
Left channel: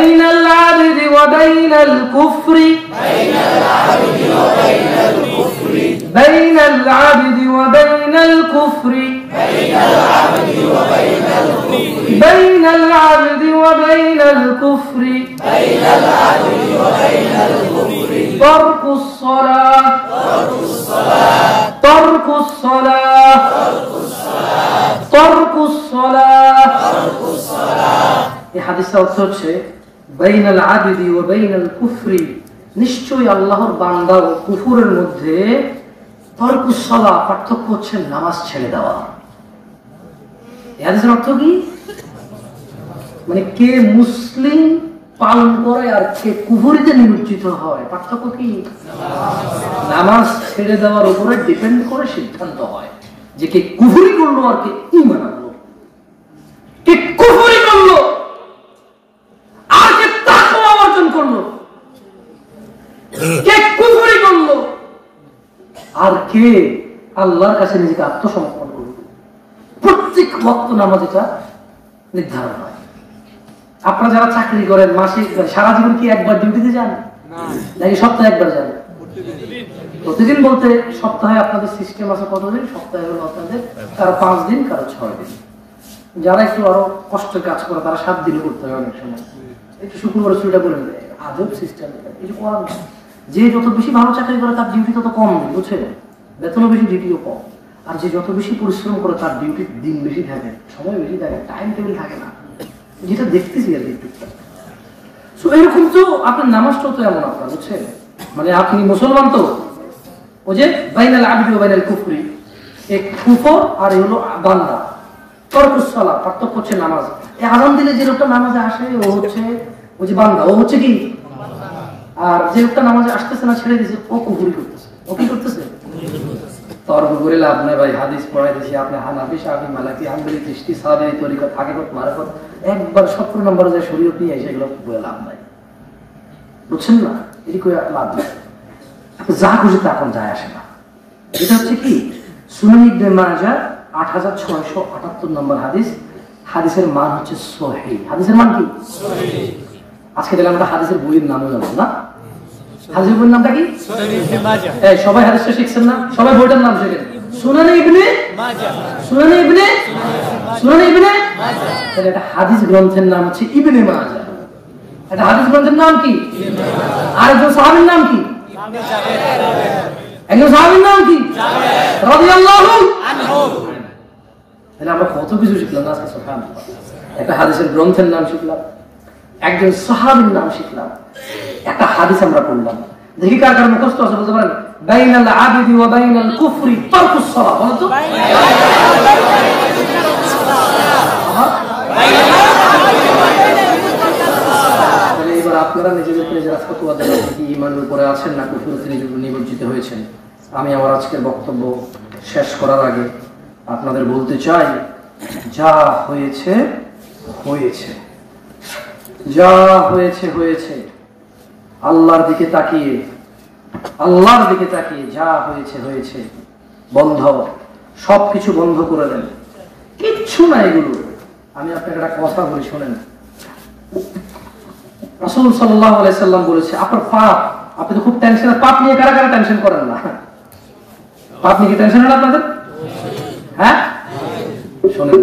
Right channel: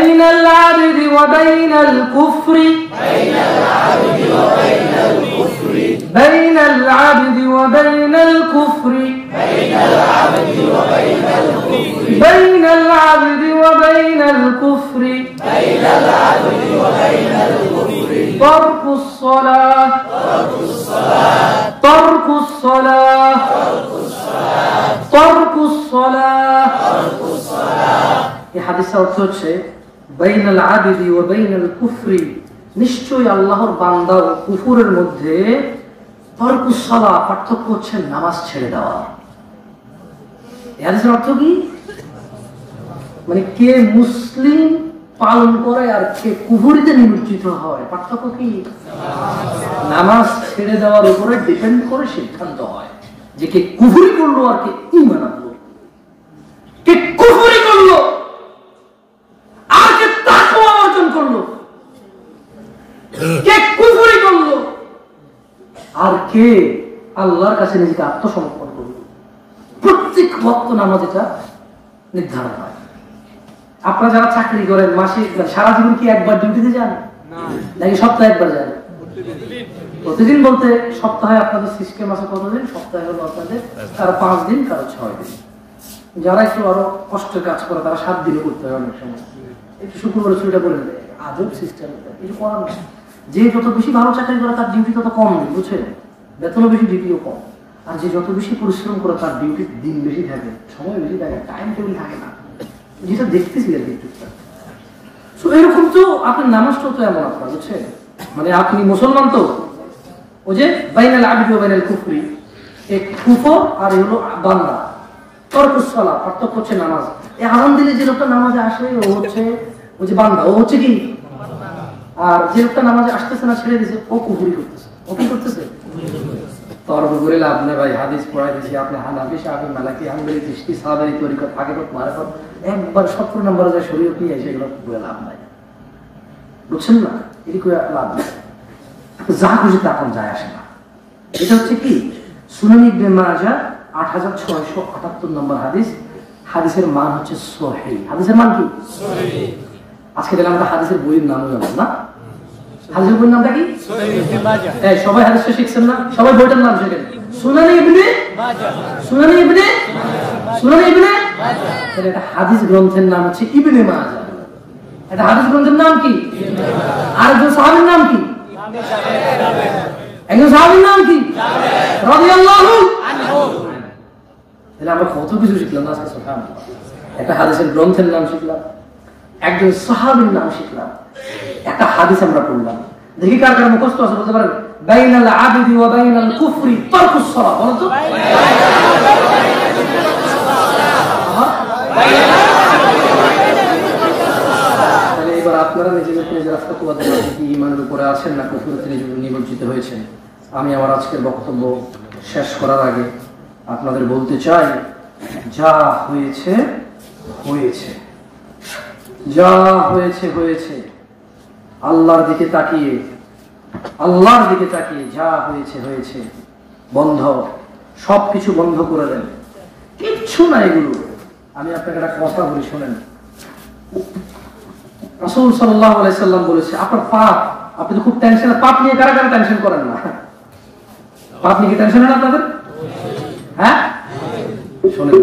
بين العبد وبين الكفر بين العبد وبين الكفر بين العبد وبين الكفر ترك الصلاة ترك الصلاة ترك الصلاة এই হাদিসের অর্থ হচ্ছে বাইনাল আবদি ওয়া বাইনাল কুফরি, নিশ্চয়ই আল্লাহর বান্দা ও কুফরের মধ্যে তরকুস সালাহ, পার্থক্য হচ্ছে নামাজ ছেড়ে দেওয়া। এই হাদিসের অর্থ কি? মানে কে মুসলিম পালন করে আর কে কুফরিতে নিমজ্জিত হয়, পার্থক্য কি? নামাজ ছেড়ে দেওয়ার উপরে ডিপেন্ড করে সিদ্ধান্ত হয় যে কে কুফরি করলো আর কে ঈমান আনলো, কে কুফরি করলো আর কে তাকওয়া অর্জন করলো, কে কুফরি করলো আর কে আল্লাহর কাছে নিজেকে আত্মসমর্পণ করলো। প্রত্যেক ওয়াক্ত নামাজ এটা নির্ধারণ হয়। আপনারা যারা চাকরি করেন মাসে সারা জীবন কি একবার ডিউটিতে যান নাকি সপ্তাহে একবার যান? প্রতিদিন বলতে সপ্তাহে আপনাদের সিস্টেম আছে কতদিন? সপ্তাহে হলো আপনাদের কারো 5 দিন, কারো 6 দিন। যারা একটু আরো কষ্ট কাজ করে তারা 7 দিনে করতে হয় অনেক সময়। একটু শুক্রবার ছুটিটা করে দেয়, আজব সিস্টেম। এটা করার না। যে যত বেশি ভালো চাকরি করে তার ডিউটি তত কম, বুঝছেন? বেতনও বেশি, ডিউটিও কম। আর যে যত বেশি পরিশ্রম করে তার ডিউটি দিন বেশি থাকে, সময় বেশি থাকে, টাইম টেবিল থাকে না, যেটা দেখতেছি আর কি। এরকম তো আপনার নামাজটাও তো এমন আপনার, বুঝছেন? মানে আপনি মুসলমান তো ওই যে বাইনাল আবদি ওয়া বাইনাল কুফরি, এক কুফর আর হলো বান্দা, তরকুস সালাহ, পার্থক্য হচ্ছে নামাজ। এই আযান দিলে যে লোকটা নামাজে আসে ও হচ্ছে ওই যে বান্দা, ও হচ্ছে কি? আর যে লোকটা নামাজে আসতেছে না, ছেড়ে দিয়েছে, ও কুফরি করতেছে। ও কি করতেছে? তর্ক করে লাভ নেই ভাই। হাদিস পড়াই দিয়েছি আপনি হানাফি, শাফি, মালিকি, হাম্বলি, চিশতি, সাদরি তরিকত আগে তো মারাফত একবার 70 নম্বরে যায় শরীয়ত নিয়ে এসে এগুলো করে লাভ নাই, বুঝছেন না? এটি করে লাভ নেই। যা খুশি তা এখন যায় আসে না। এটা হচ্ছে কি সুনান ইবনে মাজাহ 8678 নম্বর হাদিস। হাদিসের মান হচ্ছে সহিহ। হাদিসের মান কি? সহিহ। আজকে দেখলাম আমরা হাদিসের বইয়ের নামও জানলাম না। হাদিসের বইয়ের নামটা কি? সহিহ ইবনে মাজাহ। এই সবাই হাদিসটা শিখছেন না? সবাই বইটার নাম শিখেন। সুনান ইবনে মাজাহ, সুনান ইবনে সুনান ইবনে মাজাহ। এটা হাদিস গ্রন্থের নাম হচ্ছে ইবনে মাজাহ। এটা হাদিস গ্রন্থের নাম কি? ইবনে মাজাহ। আর একজন সাহাবীর নাম কি? একজন সাহাবীর নাম কি? রাদিয়াল্লাহু আনহু। তাহলে আমরা কত কিছু শিখলাম আজকে, সুবহানাল্লাহ। একটা হাদিসের গ্রন্থের নাম শিখলাম, একজন সাহাবীর নাম শিখলাম, একটা হাদিস আমরা পড়লাম। দেখি কার কার মুখস্থ আছে বলতে পারেন? বাইনাল আবদি ওয়া বাইনাল কুফরি তারকুস সালাত। বলো তো এবার আপনারা নিজেরা ফতোয়া দেন, কি ঈমানের উপরে আছেন না কুফরিতে নিমজ্জিত হয়েছেন। আমি আমার আজকের বক্তব্য শেষ করার আগে আপনাদের বলতে চাই, যা হয়েছে হয়েছে, যা হয়েছে হয়েছে। আল্লাহর দিকে তাকিয়ে যা হয়েছে হয়েছে। বন্ধ, সবকিছু বন্ধ করে দেন, কিচ্ছু না এগুলো। আমি আপনাকে একটা কথা বলি, শোনেন। রাসূল সাল্লাল্লাহু আলাইহি সাল্লাম বলেছে, আপনার পাপ, আপনি তো খুব টেনশন, পাপ নিয়ে কারা কারা টেনশন করেন না? পাপ নিয়ে কি টেনশন হয় না আপনাদের? হ্যাঁ, শোনেন,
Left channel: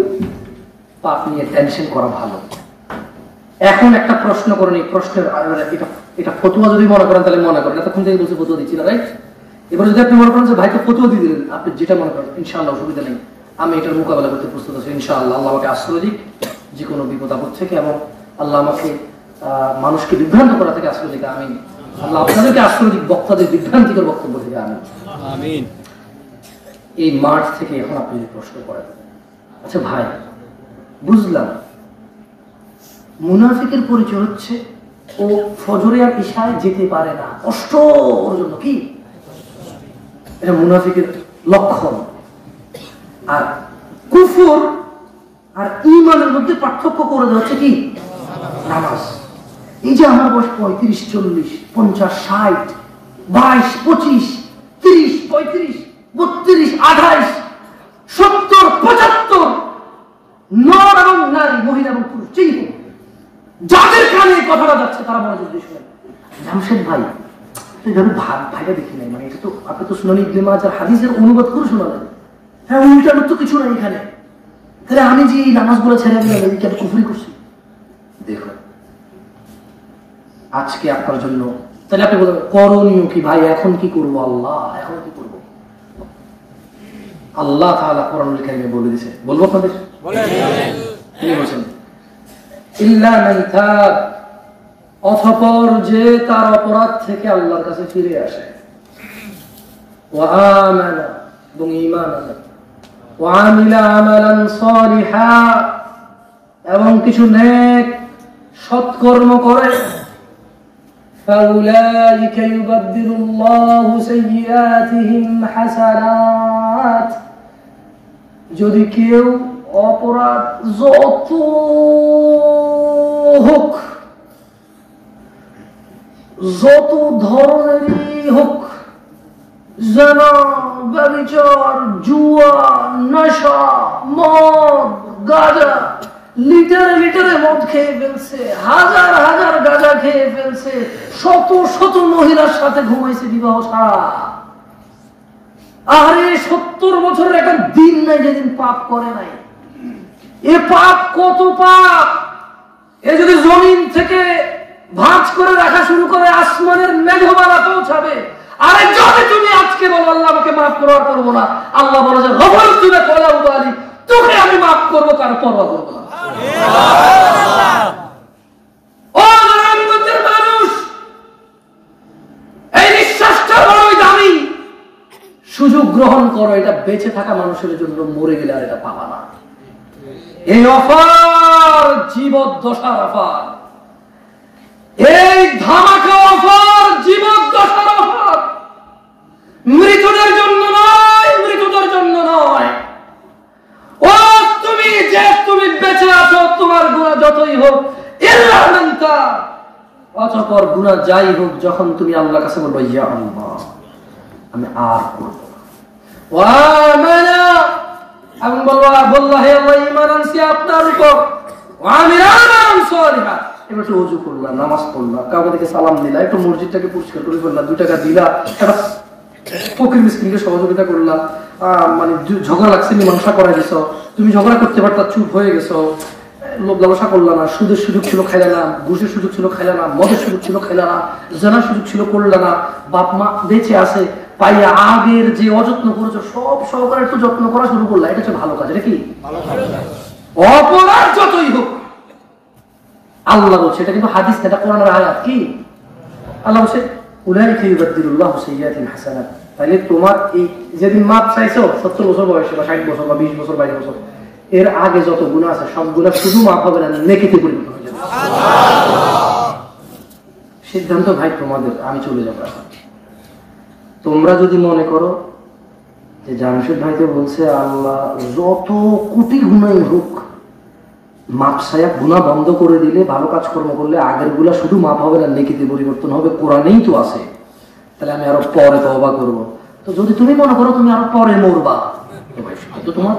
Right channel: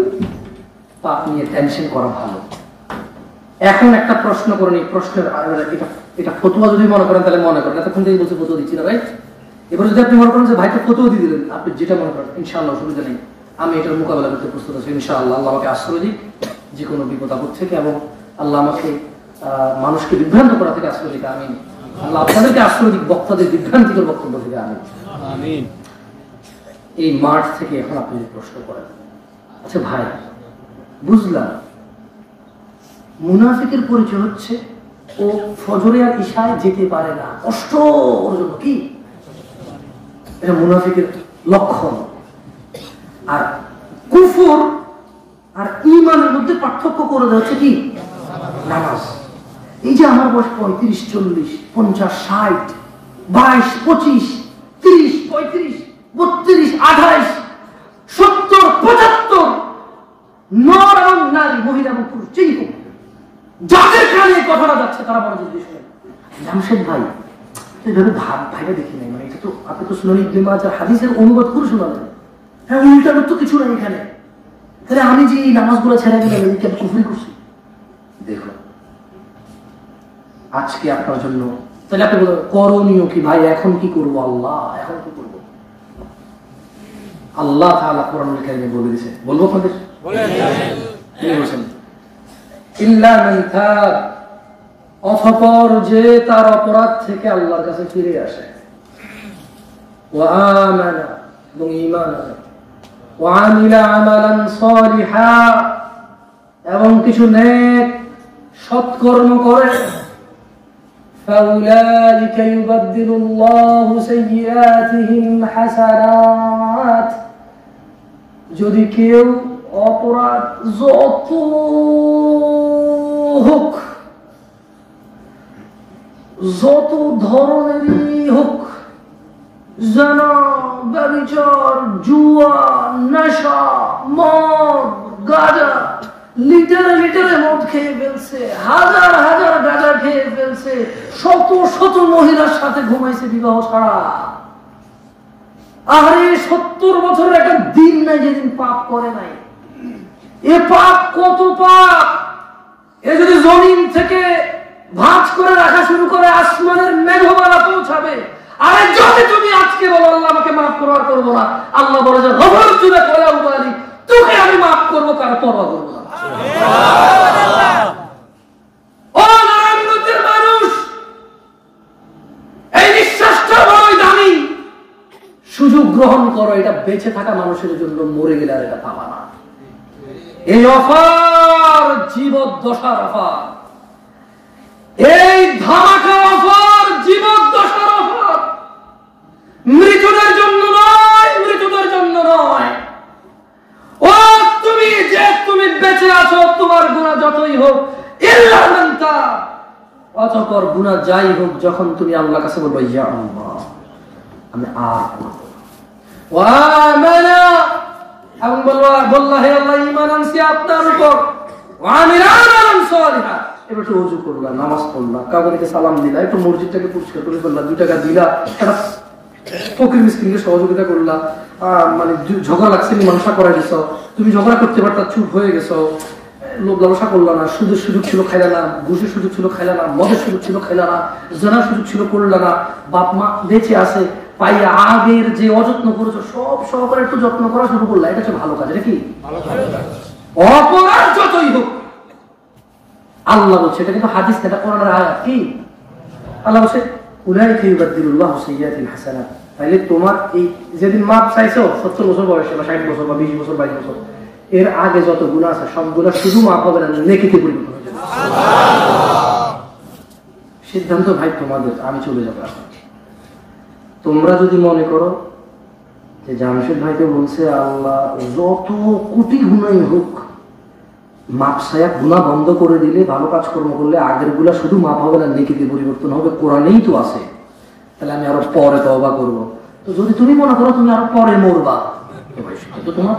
পাপ নিয়ে টেনশন করা ভালো। এখন একটা প্রশ্ন করেন, এই প্রশ্নের এটা ফতোয়া যদি মনে করেন তাহলে মনে করেন, এতক্ষণ থেকে বলছে ফতোয়া দিচ্ছি না, রাইট? এবার যদি আপনি মনে করেন যে ভাইকে ফতোয়া দিয়ে দিলেন, আপনি যেটা মনে করেন, ইনশাআল্লাহ অসুবিধা নেই, আমি এটার মোকাবেলা করতে প্রস্তুত আছি ইনশাআল্লাহ। আল্লাহ আমাকে আশ্রয় দিক যে কোনো বিপদ আপদ থেকে, এবং আল্লাহ আমাকে মানুষকে বিভ্রান্ত করা থেকে আশ্রয় দিক। আমিন। আল্লাহ আপনাদেরকে আশ্রয় দিক বক্তাদের বিভ্রান্তিকর বক্তব্য থেকে। আমিন। এই মাঠ থেকে এখন আপনি প্রশ্ন করেন, আচ্ছা ভাই, বুঝলাম মুনাফিকের পরিচয় হচ্ছে ও ফজরে আর ইশায় যেতে পারে না, কষ্ট ওর জন্য, কি এটা মুনাফিকের লক্ষণ। আর কুফর আর ঈমানের মধ্যে পার্থক্য করে দেওয়া হচ্ছে কি? নামাজ। এই যে আমার বয়স 35, 40, 50, 60, 22, 25, 30, 35, 32, 28, 70, 75, নর এবং নারী, মহিলা এবং পুরুষ, যেই হোক, যাদের কানে কথাটা যাচ্ছে তারা মনোযোগ দিয়ে শোনেন। জামশেদ ভাই এইভাবে ভাইটা দেখি নাই, মানে এটা তো আপনি তো শুনানি ইবনে মাজাহ হাদিসের অনুবাদ করে শোনালেন। হ্যাঁ, উল্টার তো কিছু নাই এখানে, তাহলে আমি যে এই নামাজগুলো ছেড়ে দিলাম, এই কি আমি কুফরি করছি? দেখুন, আজকে আপনার জন্য তাহলে আপনি বলেন করণীয় কি ভাই, এখন কি করবো? আল্লাহ, এখন কি করবো? আল্লাহ তাআলা কোরআনুল কারীমে বলে দিয়েছে, বলবো আপনাদের? তিনি বলেছেন, ইল্লা মান তাব, অতঃপর যে তার অপরাধ থেকে আল্লাহর কাছে ফিরে আসে, ওয়া আমানা, এবং ঈমান আনে, ওয়া আমিলা আমালান সালিহা, এবং কিছু নেক সৎকর্ম করে, ফাউলাইকা ইউবাদদিলুল্লাহু সাইয়্যাতিহিম হাসানাত। যদি কেউ অপরাধ যত হোক, যত ধরনেরই হোক, জনা, ব্যভিচার, জুয়া, নেশা, মদ, গাঁজা, লিটারে লিটারে মদ খেয়ে ফেলছে, হাজার হাজার গাঁজা খেয়ে ফেলছে, শত শত মহিলার সাথে ঘুমাইছে বিবাহ ছাড়া, আরে 70 বছরের একটা দিন নাই যেদিন পাপ করে নাই। এ পাপ কত পাপ! এ যদি জমিন থেকে ভাঁজ করে রাখা শুরু করে, আসমানের মেঘমালা পৌঁছাবে। আরে যদি তুমি আজকে বলো আল্লাহ আমাকে মাফ করার করবো না, আল্লাহ বলে যে খবর তুলে করে উপালি, তোকে আমি মাফ করবো, কার পরোয়া করবো না। ও জনগণের মানুষ, এই বিশ্বাসটা বড়ই দামি। সুযোগ গ্রহণ করো, এটা বেঁচে থাকা মানুষের জন্য, মরে গেলে আর এটা পাবা না। এই অফার জীবদ্দশার অফার, এই ধামাকা অফার জীবদ্দশার অফার, মৃতদের জন্য নয়, মৃতদের জন্য নয়। ও তুমি যে তুমি বেঁচে আছো, তোমার গুনাহ যতই হোক, ইল্লা মান তাব, অতঃপর গুনাহ যাই হোক, যখন তুমি আল্লাহর কাছে বলবে ইয়া আল্লাহ আমি আর করব, ওয়া আমানা, এবং বললা হে আল্লাহ ঈমান আনছি আপনার উপর, ওয়া আমিলা আমালান সালিহা, এবার একটু ওযু করলা, নামাজ পড়লা, কাবাকে সালাম দিলা, একটু মসজিদটাকে পরিষ্কার করে ফেললা, 2 টাকা দিলা, একটা ফকির মিসকিনকে সহযোগিতা করলা, মানে ঝগড়া লাগছে মীমাংসা করে দিছো, তুমি ঝগড়া করতে পারতা, চুপ হয়ে গেছো, লোভ লালসা করলা না, সুদের সুযোগ ছিল খাইলা না, ঘুষের সুযোগ ছিল খাইলা না, মদের সুযোগ ছিল খাইলা না, জানার সুযোগ ছিল করলা না, বাপ মা বেঁচে আছে পাইয়া আগের যে অযত্ন করেছো সব সহকারে একটু যত্ন করা শুরু করলা, এটা হচ্ছে ভালো কাজ। এটা কি অপরাধ যতই হোক, আল্লাহ বলছে, এটা কিন্তু হাদিস, এটা কোরআনের আয়াত। কি আল্লাহ বলছে? উলাইকা ইউবাদদিলুল্লাহু সাইয়্যাতিহিম হাসানাত, তাইলে তোমার এই যেদিন মাপ চাইছো 70 বছর বয়সে বা 60 বছর বা 20 বছর 22 বছর, এর আগে যত গুনাহ আছে সবগুলা শুধু মাপ হবে না, নেকিতে পরিবর্তন হয়ে যাবে। সিদ্ধান্ত ভাই তোমাদের, আমি চলে যাবো এখন। তোমরা যদি মনে করো যে জামশেদ ভাইকে বলছে আল্লাহ যত কোটি গুনাই হোক মাপ সায়া গুনাহ বন্ধ করে দিলে, ভালো কাজ কর্ম করলে আগের গুলা শুধু মাপ হবে না, নেকিতে পরিবর্তন হবে, কোরআনেই তো আছে, তাহলে আমি আরো পরে তওবা করবো। তো যদি তুমি মনে করো তুমি আরো পরে মরবা, তো তোমার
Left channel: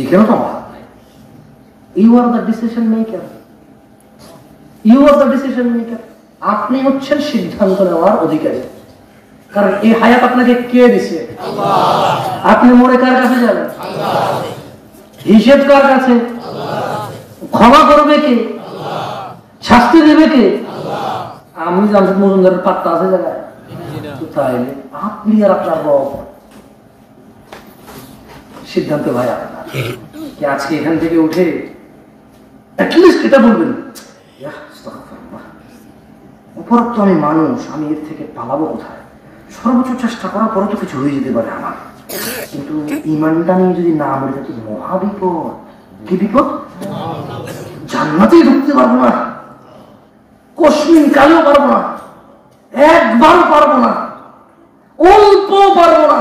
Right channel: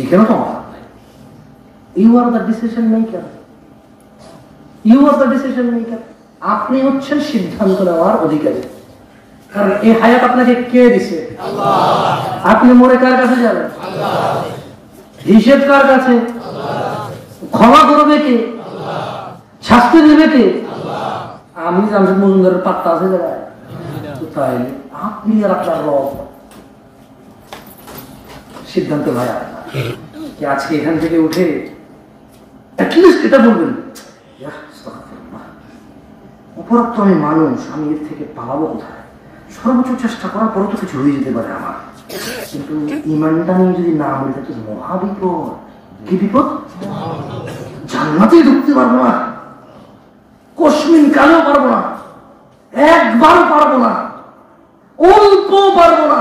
এখানে তো you are the decision maker, you are the decision maker. আপনি হচ্ছেন সিদ্ধান্ত নেওয়ার অধিকারী। কারণ এই হায়াত আপনাকে কে দিছে? আল্লাহ। আপনি মরে কার কাছে যাবেন? আল্লাহ। হিসেব কার কাছে? আল্লাহ। ক্ষমা করবে কে? আল্লাহ। শাস্তি দেবে কে? আল্লাহ। আমি জামশেদ মজুমদারের পাত্তা আছে জায়গায়? তাইলে আপনি আর আপনার রব। সিদ্ধান্তে ভাই কি আজকে এখান থেকে উঠে অ্যাটলিস্ট এটা বলবেন, অপরাধ তো আমি মানুষ, আমি এর থেকে পালাবো কোথায়? সর্বোচ্চ চেষ্টা করার পরও তো কিছু হয়ে যেতে পারে আমার, কিন্তু ইমানটা নিয়ে যদি না মরে তো মহাবিপদ। কি বিপদ? জান্নাতেই ঢুকতে পারবো না, কসমিন কালেও পারবো না, একবারও পারবো না, অল্প পারবো না,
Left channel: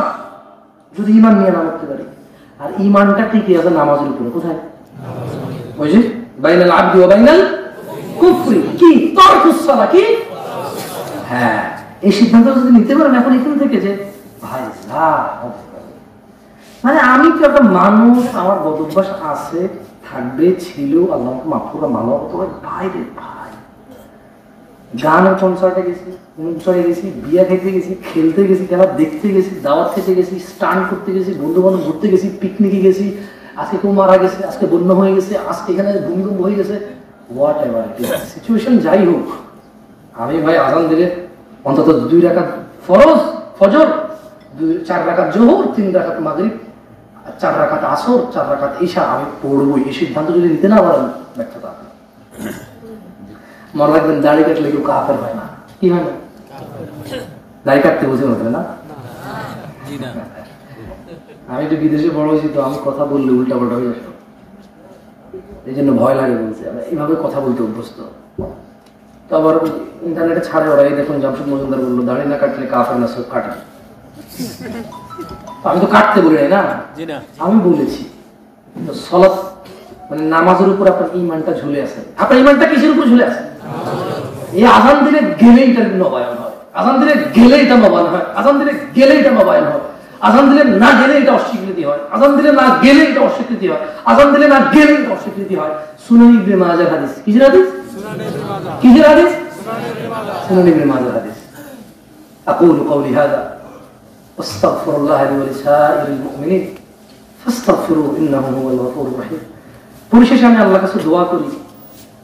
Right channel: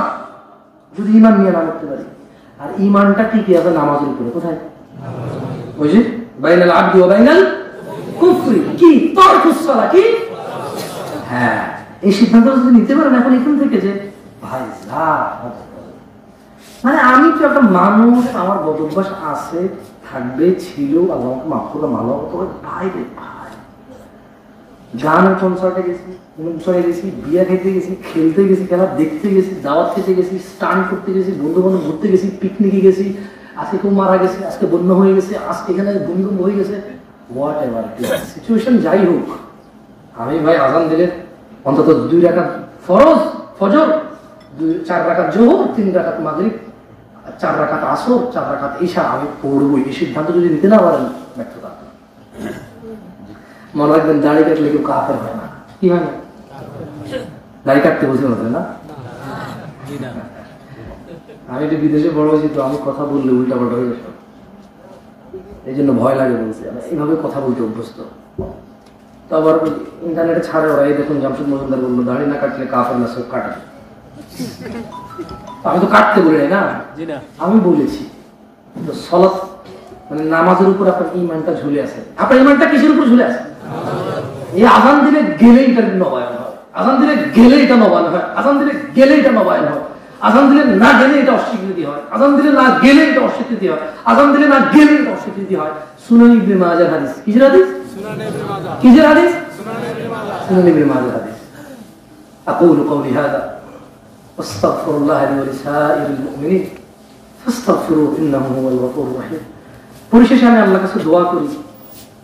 যদি ইমান নিয়ে না মরতে পারি। আর ইমানটা টিকে আছে নামাজের উপরে। কোথায়? ওই যে বাইনাল আবদি ওয়া বাইনাল কুফরি, কি তারকুস সালাহ, কি? হ্যাঁ, এই সিদ্ধান্ত যদি নিতে পারেন এখন এখান থেকে যে ভাই মানে আমি তো একটা মানুষ, আমার বদ অভ্যাস আছে, থাকবে, ছিল, আল্লাহ মাফ করে মামলা করে ভাই রে ভাই, গানের কনসার্টে গেছি, অনুষ্ঠানে গেছি, বিয়া খেতে গেছি, খেলতে গেছি, খেলা দেখতে গেছি, দাওয়াত খেতে গেছি, স্টান করতে গেছি, বন্ধু বান্ধব ঘুরতে গেছি, পিকনিকে গেছি, আজকে কেউ মারা গেছে, আজকে বন্যা হয়ে গেছে, আজকে এখানে ভূমিকম্প হয়ে গেছে, হোয়াট এভার সিচুয়েশন যাই হোক, আমি ভাই আজান দিলে অন্তত 2 রাকাত ফরজ ফজর, 4 রাকাত জোহর, 3 রাকাত মাগরিব, 4 রাকাত আসর, 4 রাকাত ইশা আমি পড়বই। এই সিদ্ধান্ত যদি নিতে না পারেন ব্যর্থতা। মনে রাখবেন দাড়ি কাটলে কেউ কাফের হয় না। কি হয় না? দাড়ি কাটতে বুঝে মনে না। আমি একটু বিদেশে বড় হয়েছি তো, আমি কথা বললে উল্টা পাল্টা হয়ে যাবে, এই জন্য ভয় লাগে বলছি। এইভাবে কথা বলতে অভ্যস্ত। তো আবার ইন্টারনেটে ছাড়ে ওরা, এই দেখুন জামশেদ মজুমদার বললো দাড়ি না কাটলে কাফের না, সব কাটা। আমি তো কাটতে বলি না, আমি বলেছি সলাত মানে নামাজের উপর আপনার ইমানটা ঝুলে আছে। আপনার ইমানটা কিসের উপর ঝুলে আছে? এই আজান দিলে গেলে এটা নবায়ন হয়, আজান দিলে গেলে এটা নবায়ন হয়, আজান দিলে গেলে এটা নবায়ন হয়, আজান দিলে না গেলে এটা অস্বীকৃতি হয়, আজান দিলে না গেলে এটা অস্বীকৃতি হয়, আজান দিলে না গেলে এটা অস্বীকৃতি হয়। সুনান ইবনে মাজাহ হাদিস। কিসের হাদিস? কিসের হাদিস? সুনান ইবনে মাজাহ হাদিস। আকুলু কওলি হাযা আস্তাগফিরুল্লাহ লি ওয়া লিসাইরিল মুমিনিন ফাস্তাগফিরু ইন্নাহু হুয়াল গফুরুর রহিম। পরিশেষে আমি আল্লাহর কাছে দোয়া করি,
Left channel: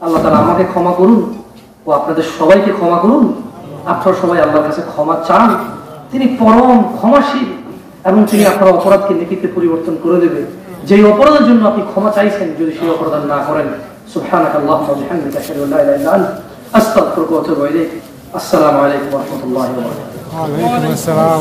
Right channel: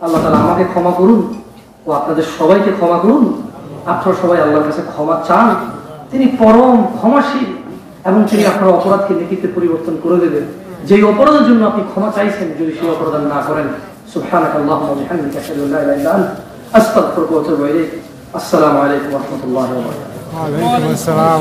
আল্লাহ তাআলা আমাকে ক্ষমা করুন ও আপনাদের সবাইকে ক্ষমা করুন। আপনারা সবাই আল্লাহর কাছে ক্ষমা চান, তিনি পরম ক্ষমাশীল এবং তিনি আপনার অপরাধকে নেকিতে পরিবর্তন করে দেবেন। যে অপরাধের জন্য আপনি ক্ষমা চাইছেন যদি সেই অপরাধ না করেন, সুবহানাকাল্লাহুম্মা ওয়া বিহামদিকা আশহাদু আল্লা ইলাহা ইল্লা আনতা আস্তাগফিরুকা ওয়া আতুবু ইলাইক। আসসালামু আলাইকুম ওয়া রাহমাতুল্লাহি ওয়া বারাকাতুহু। ওয়া আলাইকুম আসসালাম।